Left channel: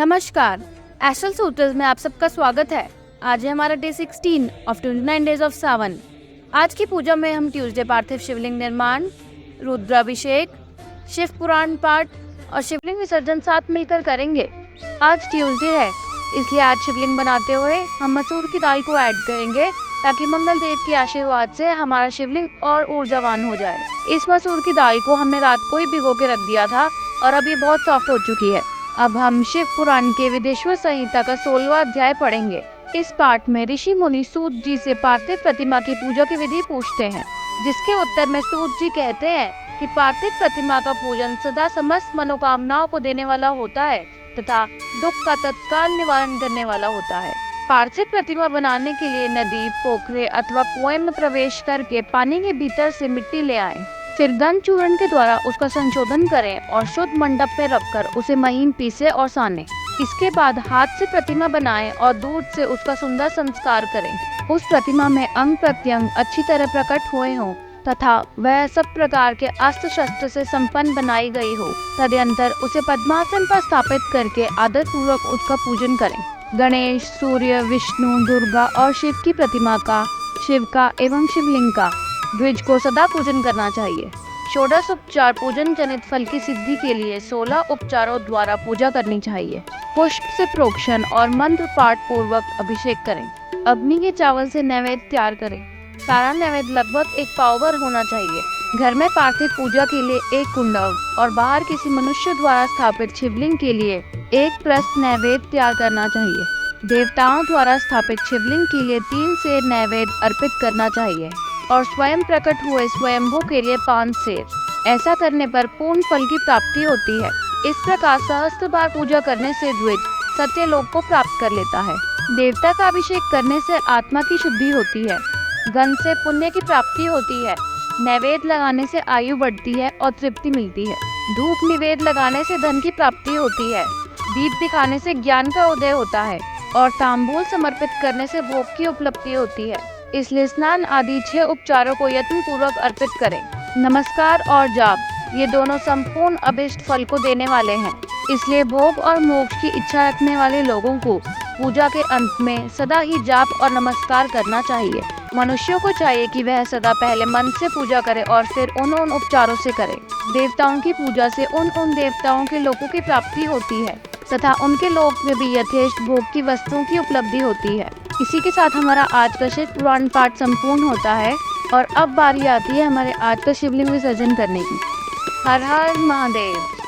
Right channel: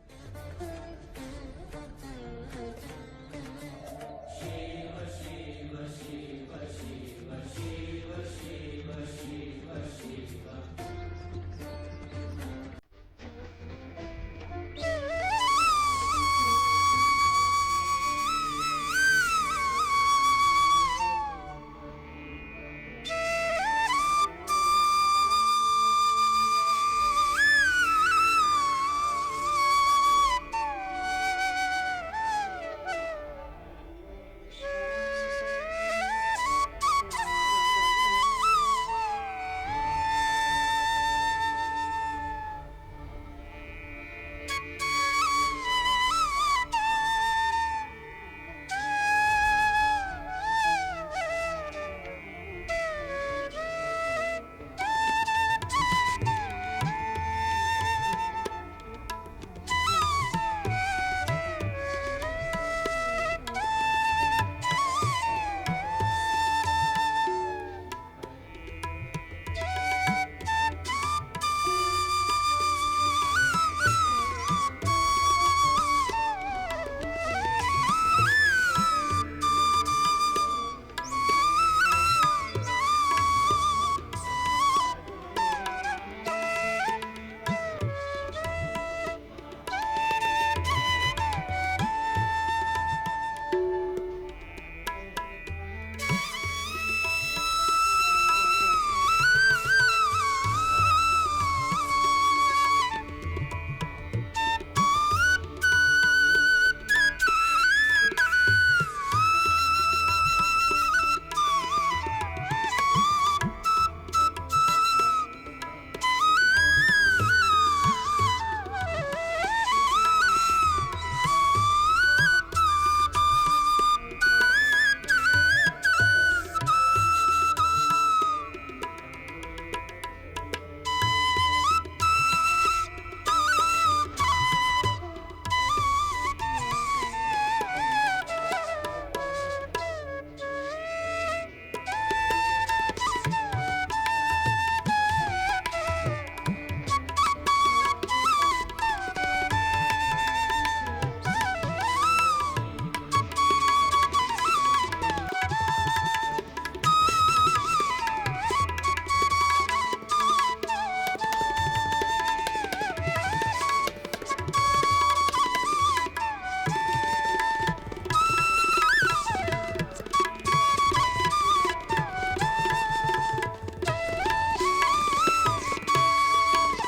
नमस्कार, एस्ट्रल सूत्रस में आप सबका स्वागत है। आज है हमारा डे 16 ऑफ 29 डेज ऑफ सावन। आज की पूजा में हम ट्यूसडे पार्थिव शिवलिंग निर्माण, रुद्राभिषेक, शिव पुराण पाठ और शिवलिंग विसर्जन साथ मिलकर करेंगे। आज ट्यूसडे है, इसलिए आज शिवलिंग बनाते हुए हम मसूर की दाल को ऐड करेंगे ताकि मंगल देव के आशीर्वाद से हमारा शिवलिंग और ऊर्जावान हो जाए। इस मसूर की दाल को हमने रात को ही भिगो के रख दिया था और अब ये बहुत सॉफ्ट हो चुकी है। अब हम शिव पुराण के विदेश्वर संहिता का 16वां अध्याय पढ़ेंगे। इस पाठ में ऋषि मुनि सूत जी से पार्थिव प्रतिमा की पूजा की विधि पूछते हैं, जिसके उत्तर में सूत जी कहते हैं कि पार्थिव प्रतिमा का पूजन सदा समस्त मनोकामनाओं को देने वाला होता है तथा दुख का तत्काल निवारण करने वाला होता है। पार्थिव प्रतिमा बनाने के लिए नदी, पोखरे अथवा कुएं में प्रवेश करके पानी के भीतर से मिट्टी ले आए, फिर गंध चूर्ण के द्वारा उसका संशोधन करें और शुद्ध मंडप पे रखकर उसे महीन पीसे और साने। इसके बाद हाथ से प्रतिमा बनाएं और दूध से उसका सुंदर संस्कार करें। उस प्रतिमा में अंग प्रत्यंग अच्छी तरह प्रकट हुए हों तथा वह सब प्रकार के अस्त्र शस्त्र से संपन्न बनाई गई हो। तदनंतर उसे पद्मासन पर स्थापित करके आदर पूर्वक उसका पूजन करें। गणेश, सूर्य, विष्णु, दुर्गा और शिव की प्रतिमा का, शिव का एवं शिवलिंग का, द्विज को सदा पूजन करना चाहिए। षोडश उपचार पूजन जनित फल की सिद्धि के लिए 16 उपचारों द्वारा पूजा करनी चाहिए। पुष्प से प्रोक्षण और मंत्र पाठ पूर्वक अभिषेक करें। अग्नि के चावल से नैवेद्य तैयार करें। सारा नैवेद्य लगभग 1 पाव भर होना चाहिए। घर में पार्थिव पूजा के लिए 1 कुंडव और बाहर किसी मनुष्य द्वारा स्थापित शिवलिंग के लिए 1 प्रस्त नैवेद्य तैयार करना चाहिए। देवताओं द्वारा स्थापित शिवलिंग के लिए 3 सेर नैवेद्य अर्पित करना चाहिए और स्वयं प्रकट हुए स्वयंभू के लिए 5 सेर। ऐसा करने पर पूर्ण फल की प्राप्ति होती है। इस प्रकार सहस्त्र बार पूजा करने से द्विज सत्यलोक को प्राप्त कर लेता है। देवता का अभिषेक करने से आत्मा की शुद्धि होती है। गंध से पुण्य की प्राप्ति होती है। नैवेद्य लगाने से आयु बढ़ती है और तृप्ति मिलती है। धूप निवेद्य लगाने से धन की प्राप्ति होती है। दीप दिखाने से ज्ञान का उदय होता है और तांबूल समर्पित करने से भोग की उपलब्धि होती है। इसलिए स्नान आदि 6 उपचारों को यत्न पूर्वक अर्पित करें। नमस्कार और जाप ये दोनों संपूर्ण अभिष्ट फल को देने वाले हैं। इसलिए भोग और मोक्ष की इच्छा रखने वाले लोगों को पूजा के अंत में सदा ही जाप और नमस्कार करना चाहिए। मनुष्यों को चाहिए कि वह सदा पहले मन से पूजा करे और फिर उन उपचारों से करे। देवताओं की पूजा से उन देवताओं के लोगों की प्राप्ति होती है तथा उनके लोक में भी यथेष्ट भोग की वस्तुओं की उपलब्धि होती है। इसी के साथ हमारा आज का शिव पुराण पाठ संपूर्ण होता है और अब बारी आती है हमारे आज का शिवलिंग विसर्जन करने की। हर हर महादेव।